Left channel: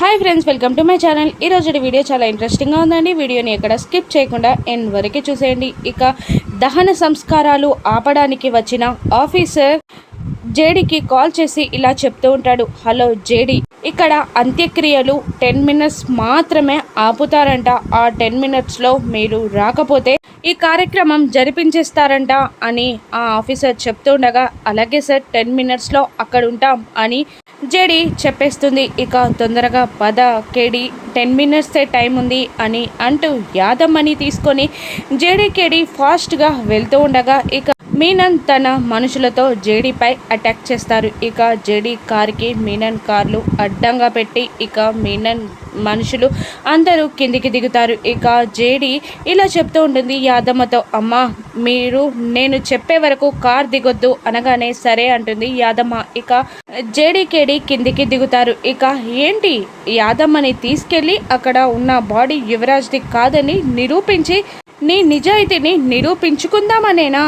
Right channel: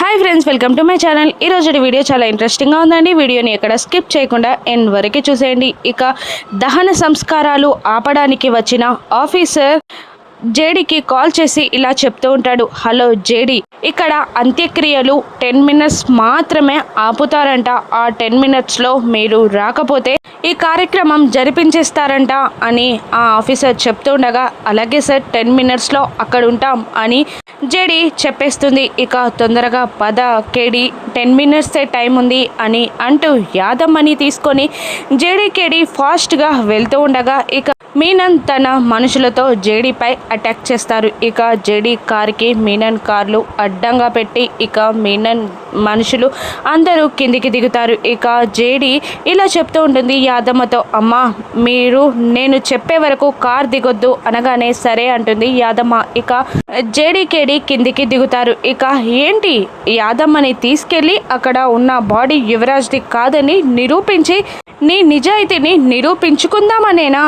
Hi friends welcome to my channel ఈరోజు video చాలా ఇంట్రెస్టింగ్గా ఉందండి. వీడియోని ఎక్కడ స్కిప్ చేయకుండా ఎండ్ వరకు చూసేయండి. ఇక దహన సంస్కారాలు ఆపడానికి వచ్చిన ఆఫీసర్ జేడీకి కాల్ చేసి ఇలా చెప్తూ ఉంటాడు. హలో జేడీ ఇక్కడ అంత్యక్రియలు టెన్ మినిట్స్ మాత్రమే ఆపుతారంట. ఆ టెన్ మినిట్స్లో మీరు రాకపోతే ఈ కార్యక్రమం జరిపించేస్తారంట అని ఆ ఆఫీసర్ చెప్తుండగా అలాగే సార్ టెన్ మినిట్స్లో అక్కడ ఉంటాం అని జేడి చెప్పేస్తుంది. ఇక తొందరగా పద కేడి టెన్ మినిట్స్ టైం ఉంది అని అంటూ యాదమ్మని తీసుకొని జేడి కేడి ఫాస్ట్గా వెళ్తూ ఉండగా ఇక మీనన్ తన మనుషులతో జేడీపై అటాక్ చేస్తారు. ఇక జేడీ కార్కి మీనన్ కార్లు అడ్డంగా పెట్టి ఇక మీనన్ మనుషులు అందరూ కిందికి దిగుతారు. ఇక జేడీ ఇలా చెప్తూ ఉంటుంది యాదమ్మతో అమ్మ మీరు నేను చెప్పే వరకు కార్ దిగొద్దు అనగానే సరే అంటుంది యాదమ్మ. ఇక జేడీకేడి కిందికి దిగుతారు. ఇక ఏంటి యాదమ్మని తీసుకెళ్ళి అక్కడ ఉన్న బాడీ యువరాజ్ది కాదని నిరూపించి నీ నిజాయితీని నిరూపించుకుందామనేనా?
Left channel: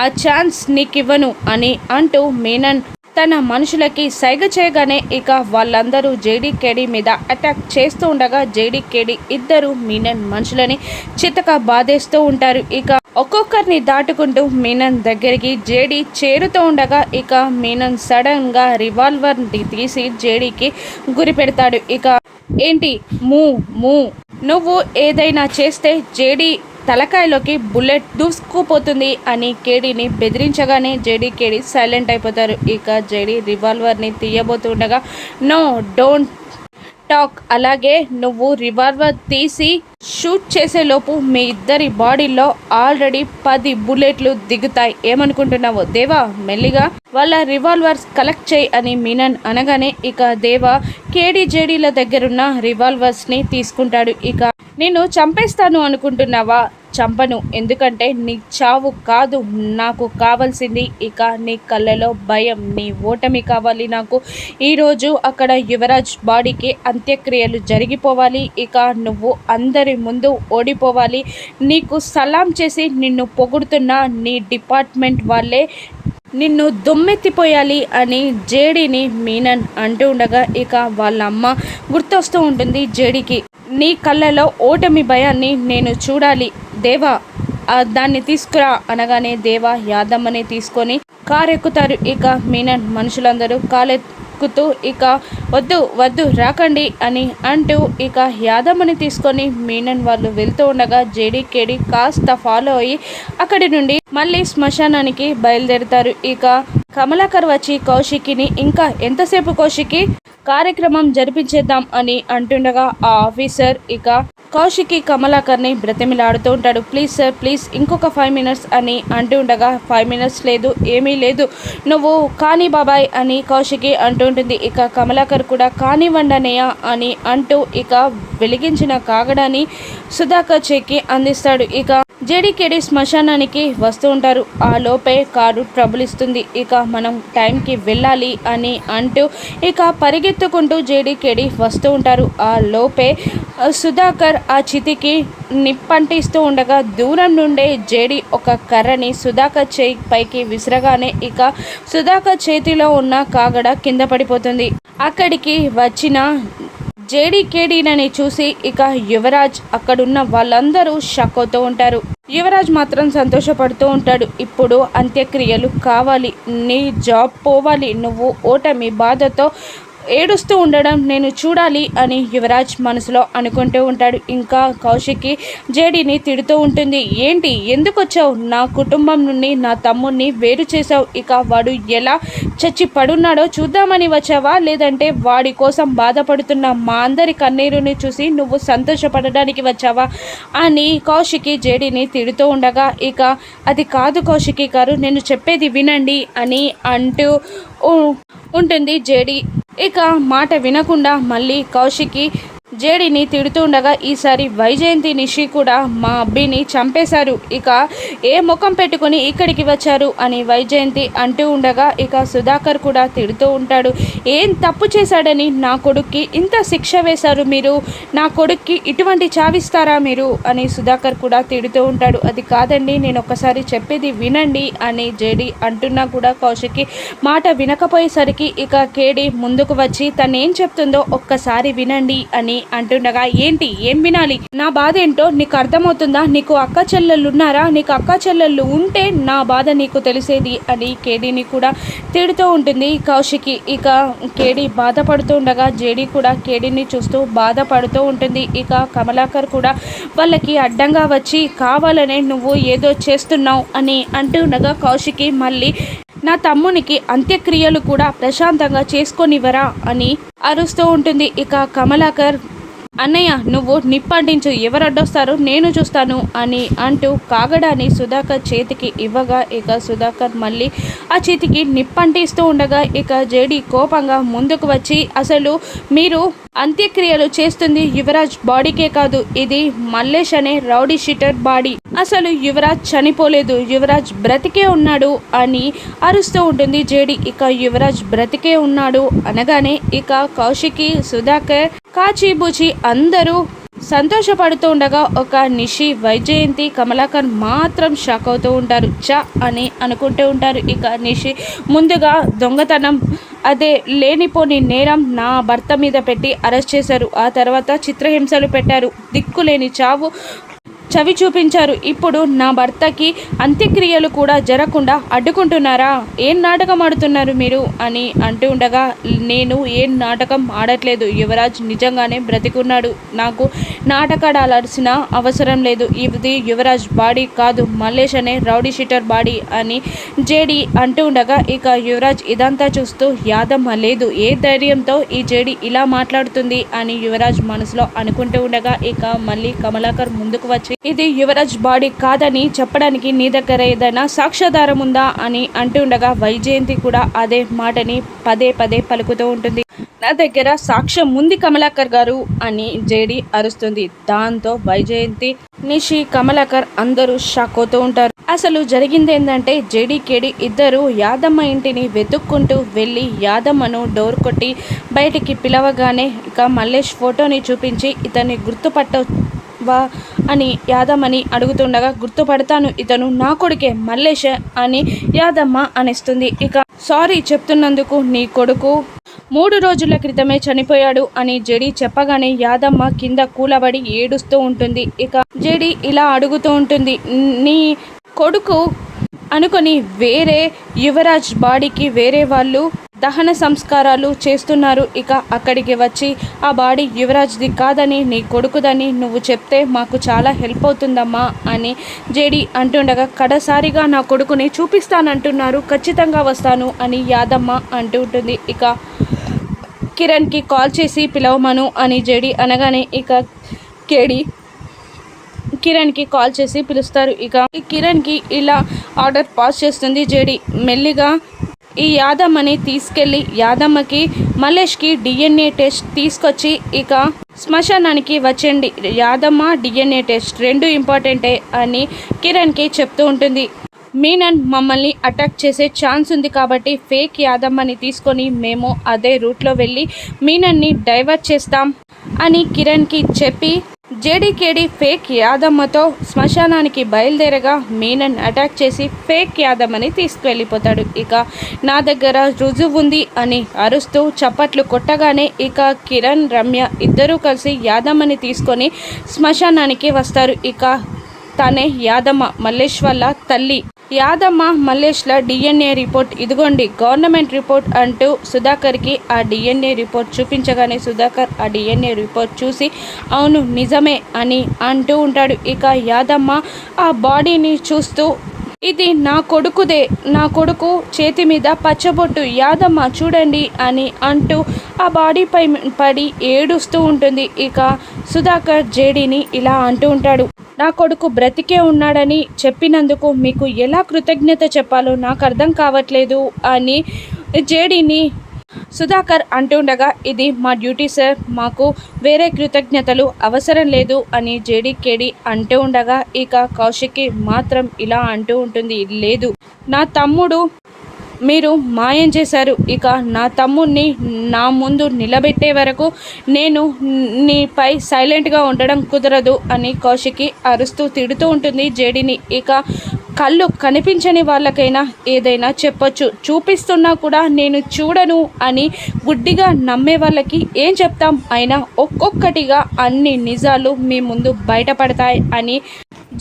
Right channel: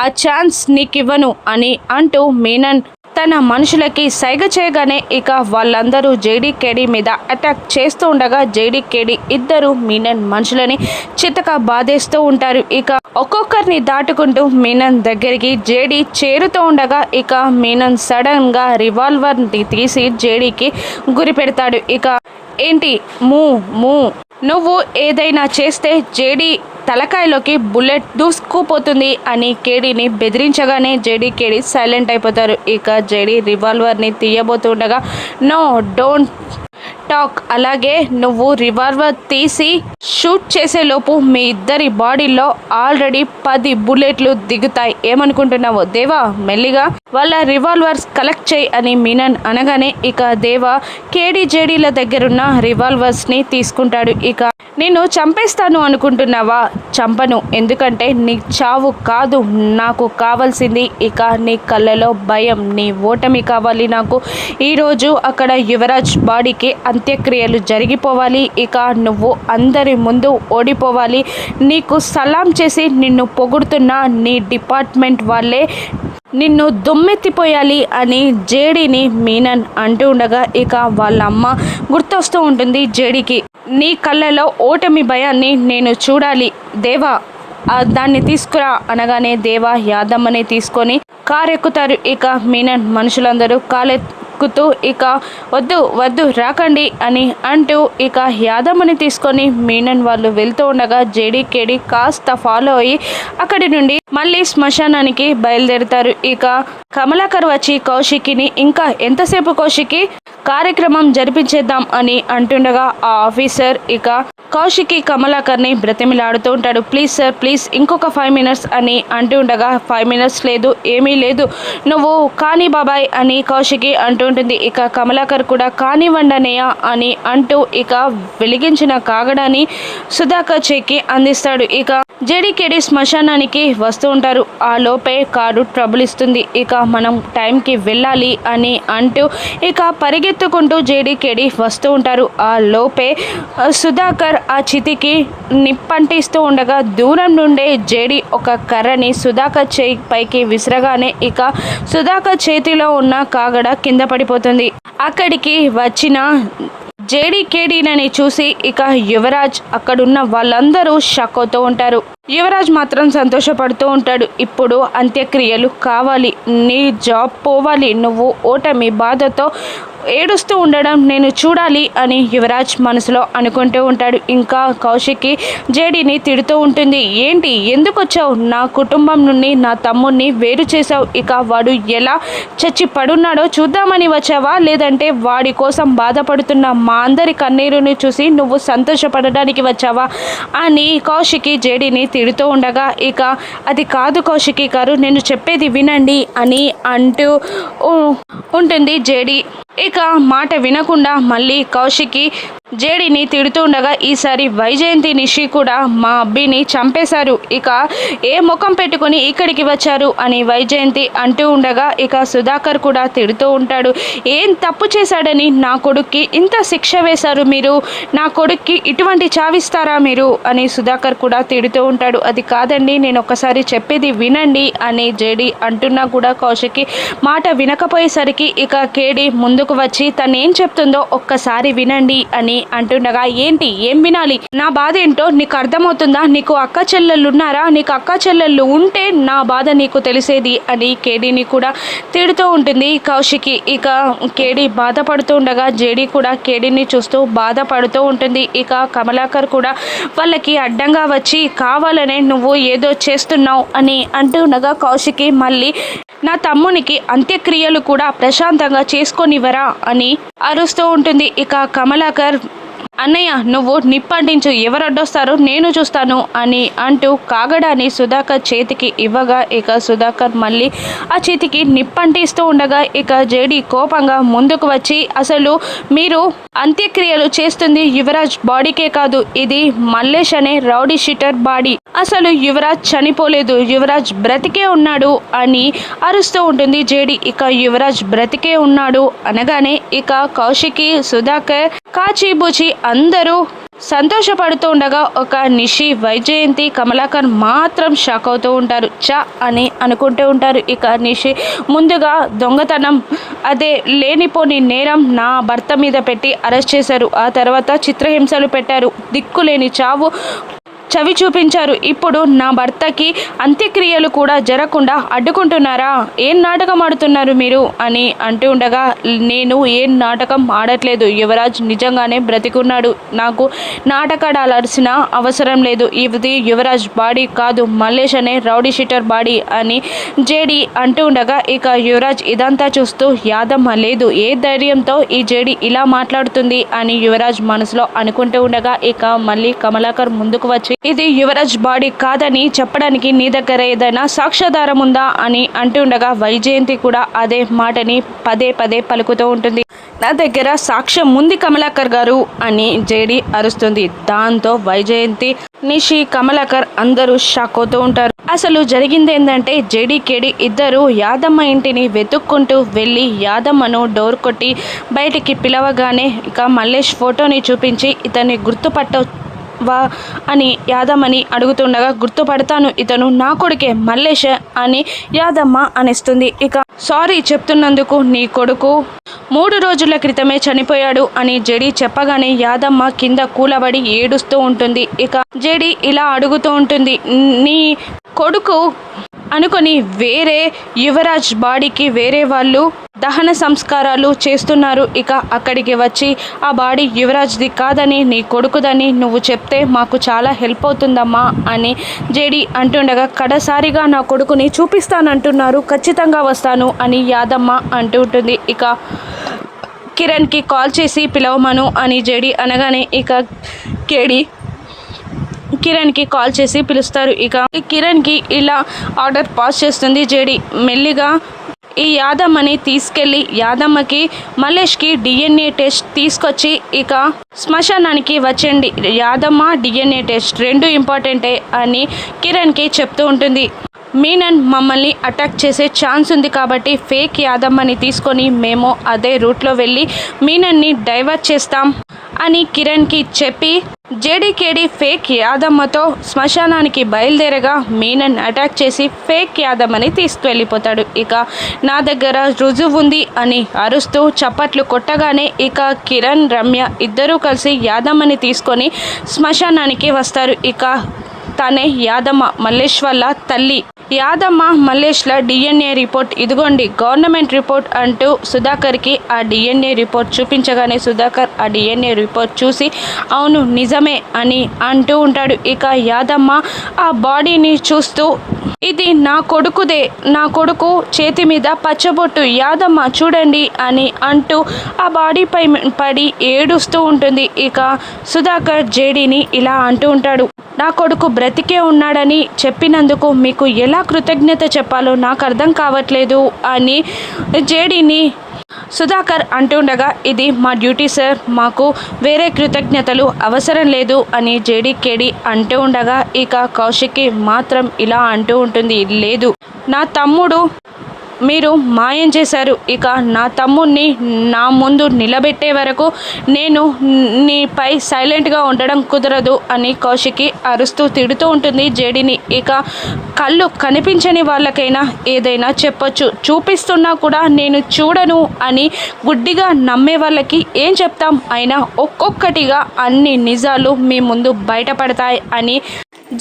ఆ ఛాన్స్ నీకివ్వను అని అంటూ మీనన్ తన మనుషులకి సైగ చేయగానే ఇక వాళ్ళందరూ జేడీ కేడీ మీద అటాక్ చేస్తూ ఉండగా జేడీకేడి ఇద్దరు మీనన్ మనుషులని చితక బాధేస్తూ ఉంటారు. ఇక ఒక్కొక్కరిని దాటుకుంటూ మీనన్ దగ్గరికి జేడీ చేరుతూ ఉండగా ఇక మీనన్ సడన్గా రివాల్వర్ని తీసి జేడీకి గురి పెడతాడు. ఇక ఏంటి? మూ మూ నువ్వు ఏదైనా చేస్తే జేడీ తలకాయలోకి బుల్లెట్ దూసుకుపోతుంది అని కేడీని బెదిరించగానే జేడీ కేడీ సైలెంట్ అయిపోతారు. ఇక జేడీ రివాల్వర్ని తీయబోతుండగా నో డోంట్ టాక్. అలాగే నువ్వు రివాల్వర్ తీసి షూట్ చేసేలోపు మీ ఇద్దరి బాడీలో ఆల్రెడీ పది బుల్లెట్లు దిగుతాయి. ఏమనుకుంటున్నావో దేవా మెల్లిగా వాళ్ళ రివాల్వర్స్ కలెక్ట్ చేయి అని మీనన్ అనగానే ఇక దేవా కేడీ జేడీల దగ్గరున్న రివాల్వర్స్ని తీసుకుంటాడు. ఇక నేను చంపేస్తాను అనుకుంటున్నావా? చంపను. ఎందుకంటే నీ చావు కాదు. నాకు కావాల్సింది ఇక నీ కళ్ళలో భయం. నీ ఓటమి కావాలి నాకు. ఈరోజు అక్కడ యువరాజ్ బాడీకి అంత్యక్రియలు జరిగిపోవాలి. ఇక నువ్వు అందరి ముందు ఓడిపోవాలి. నీకు సలాం చేసి నిన్ను పొగుడుతున్న నీ డిపార్ట్మెంట్ వాళ్ళే నిన్ను దుమ్మెత్తిపోయాలి అని జేడీని మీనన్ అంటూ ఉండగా ఇక వాళ్ళ అమ్మ గుర్తొస్తూ ఉంటుంది జేడీకి. నీ కళ్ళలో ఓటమి భయాన్ని నేను చూడాలి. దేవా దాన్ని తీసుకురా అనగానే దేవా యాదమ్మని తీసుకొని కారు ఎక్కుతారు ఇక మీనన్ మనుషులందరూ కాలెక్కుతూ ఇక వద్దు వద్దు రాకండి అని అంటూ ఇక యాదమ్మని తీసుకొని మీనన్ వాళ్ళు వెళ్తూ ఉండగా జేడీ కేడి కాస్త ఫాలో అయ్యి అక్కడి నుండి మళ్ళీ శ్మశానానికి బయలుదేరుతారు. ఇక కమలాకర్ వచ్చి కౌశికిని ఇంకా ఎంతసేపు కౌశికి? కార్యక్రమం జరిపించేద్దాం అని అంటుండగా ఆ ఆఫీసర్ ఇక కౌశికి కమలాకర్ని బ్రతిమిలాడుతూ ఉంటాడు. ప్లీజ్ సార్ ప్లీజ్ ఇంకొక ఫైవ్ మినిట్స్ అని అంటూ ఉండగా ఫైవ్ మినిట్స్ లేదు ఏమీ లేదు. నువ్వు కాని బాబాయ్ అని కౌశికి అంటూ ఉంటుంది. ఇక కమలాకర్ కూడా కానివ్వండి అని అంటూ ఇక వెలిగించిన కాగడాన్ని సుధాకర్ చెక్కి అందిస్తాడు. ఇక జేడీకేడి శ్మశానానికి వస్తూ ఉంటారు. ఆ లోపే కారు ట్రబుల్ ఇస్తుంది. ఇక మనం టైంకి వెళ్ళాలి అని అంటూ ఇక పరిగెత్తుకుంటూ జేడీకేడి వస్తూ ఉంటారు. ఆ లోపే సుధాకర్ ఆ చితికి నిప్పంటిస్తూ ఉండగా దూరం నుండే జేడి ఒక కర్రని సుధాకర్ చేయి పైకి విసిరగానే ఇక సుధాకర్ చేతిలో ఉన్న కాగడ కింద పడిపోతుంది. అక్కడికి వచ్చిన జేడీకేడీలని చూసి ఇక యువరాజ్ అక్కడున్న వాళ్ళందరూ షాక్ అవుతూ ఉంటారు. యువరాజ్ మాత్రం సంతోషపడుతూ ఉంటాడు. ఇప్పుడు అంత్యక్రియలు కావాలి. నీ జాబ్ పోవాలి. నువ్వు ఓటమి బాధతో ఏడుస్తూ ఉండడం నేను చూడాలి అని యువరాజ్ మనసులో అనుకుంటూ ఉంటాడు. ఇంకా కౌశికి జేడీని తిడుతూ ఉంటుంది. ఏంటి? ఎందుకు వచ్చావు? నా కుటుంబం నుండి నా తమ్ముడిని వేరు చేసావు ఇక వాడు ఎలా చచ్చి పడున్నాడో చూద్దామని వచ్చావా? లేదంటే వాడి కోసం బాధపడుతున్న మా అందరి కన్నీరుని చూసి నువ్వు సంతోషపడడానికి వచ్చావా? అని కౌశికి జేడీని తిడుతూ ఉండగా ఇక అది కాదు కౌశికి గారు. నేను చెప్పేది వినండి అని అంటూ ఉంటుంది జేడీ. ఇక మాట వినకుండా మళ్ళీ కౌశికి జేడీని తిడుతూ ఉండగా ఈసారి వైజయంతి నిషి కూడా మా అబ్బిని చంపేశారు. ఇక ఏ ముఖం పెట్టుకుని ఇక్కడికి వచ్చారు అని వైజయంతి అంటూ ఉండగా ఇక సుధాకర్ కూడా తిడుతూ ఉంటాడు. ఏం తప్పు చేశాడని నా కొడుక్కి ఇంత శిక్ష వేశారు మీరు? నా కొడుక్కి ఇటువంటి చావిస్తారా మీరు? అని సుధాకర్ కూడా తిడుతూ ఉంటాడు. అది కాదండి నేను ఒక్కసారి చెప్పేది వినండి అని జేడి అంటున్నా కూడా కౌశిక్కి మాట వినకపోయేసరికి ఇక కేడి ముందుకు వచ్చి తను ఏం చెప్తుందో ఒక్కసారి వినండి అని అంటుండగా ఏంటి? ఏం వినాలి? నా బాధ ఏంటో నీకు అర్థమవుతుందా? నీకు అక్క చెల్లెళ్ళు ఉన్నారా నీకు అక్క చెల్లెళ్ళు ఉంటే నా బాధ నీకు తెలిసేది? అని కేడీని కూడా తిడుతూ ఉంటుంది. కౌశికి ఇక కేడి బాధపడుతూ ఉండగా జేడీ కూడా కేడీని చూస్తూ బాధపడుతూ ఉంటుంది. ఇక కమలాకర్ కూడా వాళ్ళకి అడ్డంగా వచ్చి కావాలనే నువ్వు ఏదో చేస్తున్నావు అని అంటుండగా కౌశికి మళ్ళీ నా తమ్మునికి అంత్యక్రియలు కూడా ప్రశాంతంగా చేసుకొనివ్వరా అని అరుస్తూ ఉంటుంది. ఇక కమలాకర్ అన్నయ్య నువ్వు నిప్పంటించు ఎవరు అడ్డొస్తారు? నేను చూస్తాను అని అంటూ కాగడాన్ని సుధాకర్ చేతికి ఇవ్వగా ఇక సుధాకర్ మళ్ళీ ఆ చేతికి నిప్పంటిస్తూ ఉండగా ఇక జేడి కోపంగా ముందుకు వచ్చి అసలు మీరు అంత్యక్రియలు చేస్తుంది యువరాజ్ బాడీకే కాదు ఇది మల్లేష్ అనే రౌడీ షీటర్ బాడీ. అసలు యువరాజ్ చనిపోలేదు యువరాజ్ బ్రతికే ఉన్నాడు అని అరుస్తూ ఉంటుంది జేడి. ఇక యువరాజ్ బ్రతికే ఉన్నాడు అనగానే ఇక కౌశికి సుధాకర్ కాచిబుచి అందరూ సంతోషపడుతూ ఉండగా ఒక నిషి వైజయంతి కమలాకర్ మాత్రం షాక్ అవుతూ ఉంటారు. చ అని అనుకుంటూ ఉంటారు. ఇక నిషి ముందుగా దొంగతనం అదే లేనిపోని నేరం నా భర్త మీద పెట్టి అరెస్ట్ చేశారు. ఆ తర్వాత చిత్రహింసలు పెట్టారు. దిక్కులేని చావు చవి చూపించారు. ఇప్పుడు నా భర్తకి అంత్యక్రియలు కూడా జరగకుండా అడ్డుకుంటున్నారా? ఏం నాటకం ఆడుతున్నారు మీరు? అని అంటూ ఉండగా నేను ఏం నాటకం ఆడట్లేదు. యువరాజ్ నిజంగానే బ్రతికున్నాడు. నాకు నాటకాడాల్సిన అవసరం లేదు. ఇది యువరాజ్ బాడీ కాదు. మల్లేష్ అనే రౌడీ షీటర్ బాడీ అని జేడి అంటూ ఉండగా ఇక యువరాజ్ ఇదంతా చూస్తూ యాదమ్మ లేదు. ఏ ధైర్యంతో ఈ జేడి ఇలా మాట్లాడుతుంది అని యువరాజ్ మనసులో అనుకుంటూ ఉండగా ఇక మళ్ళీ కమలాకర్ ముందుకు వచ్చి ఇది యువరాజ్ బాడీ కాదని చెప్పడానికి నీ దగ్గర ఏదైనా సాక్ష్యాధారం ఉందా అని అంటుండగా వైజయంతి కూడా అదే మాటని పదే పదే పలుకుతూ ఉంటుంది. నా దగ్గర సాక్ష్యం ఉంది కమలాకర్ గారు అని జేడి అరుస్తుంది. దాంతో వైజయంతి నిషి కమలాకర్ అందరూ షాక్ అవుతూ ఉంటారు. అసలు జరిగింది ఏంటంటే జేడి కేడి ఇద్దరు యాదమ్మ ఇంటిని వెతుక్కుంటూ వెళ్ళి యాదమ్మను డోర్ కొట్టి బయటికి పిలవగానే ఇక మల్లేష్ ఫోటోని చూపించి ఇతన్ని గుర్తుపట్ట వా అని యాదమ్మని అడుగుతుండగా గుర్తుపడతాను ఇతను నా కొడుకే మల్లేష అని యాదమ్మ అనిస్తుంది. ఇక సారీ చెప్తున్నందుకు నీ కొడుకు మూడు రోజుల క్రితమే చనిపోయాడు అని జడి చెప్పగానే యాదమ్మ కింద కూలబడి ఏడుస్తూ ఉంటుంది. ఇక జడి ఇలా అడుగుతూ ఉంటుంది నీ కొడుకు అనుకొని వేరే యువరాజ్ బాడీకి వేరే వాళ్ళు దహన సంస్కారాలు చేస్తున్నారు. ఇక అక్కడికి వచ్చి ఆ బాడీ యువరాజ్ది కాదని నీ కొడుకుదని నువ్వు చెప్తే మాకు చాలా హెల్ప్ అవుతుందమ్మా అని జేడి అంటుండగా కడసారిగా నా కొడుకుని చూపిస్తానంటున్నారు. ఖచ్చితంగా వస్తాను అని యాదమ్మ అంటూ ఉంటుంది. ఇక కిరణ్కి కాల్ చేసి పిలవమను అని జేడి అనగానే ఇక కేడి కిరణ్కి కాల్ చేసి పిలుస్తారు. ఇక ఈ కిరణ్కి ఇలా ఆర్డర్ పాస్ చేస్తుంది జేడి. మెల్లిగా ఈ యాదమ్మని తీసుకెళ్ళి యాదమ్మకి మలేష్కి డిఎన్ఏ టెస్ట్ తీసుకొచ్చి ఇక శ్మశానానికి వచ్చండి యాదమ్మ డిఎన్ఏ టెస్ట్ రెండు ఇంపార్టెంటే అని కిరణ్కి చెప్తూ ఉంటుంది. మీనన్ మమ్మల్ని అటాక్ చేసే ఛాన్స్ ఉంది కాబట్టి ఫేక్ యాదమ్మని తీసుకొని మేము అదే రూట్లో వెళ్ళి మీనన్ని డైవర్ట్ చేస్తాం అని కిరణ్కి చెప్పి జేడీకేడీ ఫేక్ యాదమ్మతో శ్మశానానికి బయలుదేరగా మీనన్ అటాక్ చేసి ఫేక్ యాదమ్మని తీసుకువెళ్ళిపోతాడు. ఇక నా దగ్గర రుజువు ఉంది అని అరుస్తూ చప్పట్లు కొట్టగానే ఇక కిరణ్ రమ్య ఇద్దరూ కలిసి యాదమ్మని తీసుకొని శ్మశానానికి వస్తారు. ఇక తనే యాదమ్మ మల్లేశ్వర్ల తల్లి యాదమ్మ మల్లేష్ల డిఎన్ఏ రిపోర్ట్. ఇదిగోండి గవర్నమెంట్ రిపోర్ట్ అంటూ సుధాకర్కి ఆ డిఎన్ఏ రిపోర్ట్ చూపించగానే సుధాకర్ ఆ డిఎన్ఏ రిపోర్ట్ చూసి అవును నిజమే అని అంటూ ఉంటాడు. ఇక యాదమ్మ ఆ బాడీని చూస్తూ ఇది నా కొడుకుదే నా కొడుకు చేతి మీద పచ్చబొట్టు యాదమ్మ చూడండి అని అంటూ ఆ బాడీపై పడి ఏడుస్తూ ఉంటుంది. ఇక సుధాకర్ జేడీని ఇలా అంటూ ఉంటాడు. నా కొడుకు బ్రతికే ఉన్నాడని చెప్పినందుకు మీకు ఎలా కృతజ్ఞత చెప్పాలో నాకు అర్థం కావట్లేదు అని జేడీని సుధాకర్ అంటుండగా ఇది మా డ్యూటీ సార్. మాకు వేరే కృతజ్ఞతలు అవసరం లేదు అని జేడీకేడి అంటూ ఉండగా ఇక కౌశిక్కి మాత్రం ఇలా అంటూ ఉంటుంది. లేదు. నా తమ్ముడు మీరు మాయం చేశారు. ఇక నా తమ్ముణ్ణి నా ముందు నిలబెట్టే వరకు నేను నీపై సైలెంట్గా ఉండడం కుదరదు అని కౌశికి అరుస్తూ తిడుతూ ఉంటుంది జేడిని. ఇక కళ్ళు కనిపించని వాళ్ళకైనా ఏదైనా చెప్పొచ్చు. చూపిస్తున్నా కూడా నేను చూడను అని గుడ్డిగా నమ్మే వాళ్ళకి ఏం చెప్తాం? అయినా ఒక్కొక్కటిగా అన్ని నిజాలు మీ ముందు బయటపడతాయి అని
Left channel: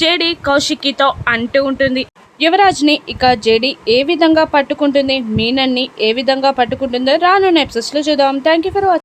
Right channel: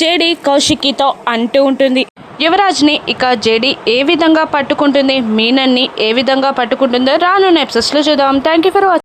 జేడి కౌశికితో అంటూ ఉంటుంది. యువరాజ్ని ఇక జేడీ ఏ విధంగా పట్టుకుంటుంది మీనన్ని ఏ విధంగా పట్టుకుంటుందో రానున్న ఎపిసోడ్స్లో చూద్దాం. Thank you for watching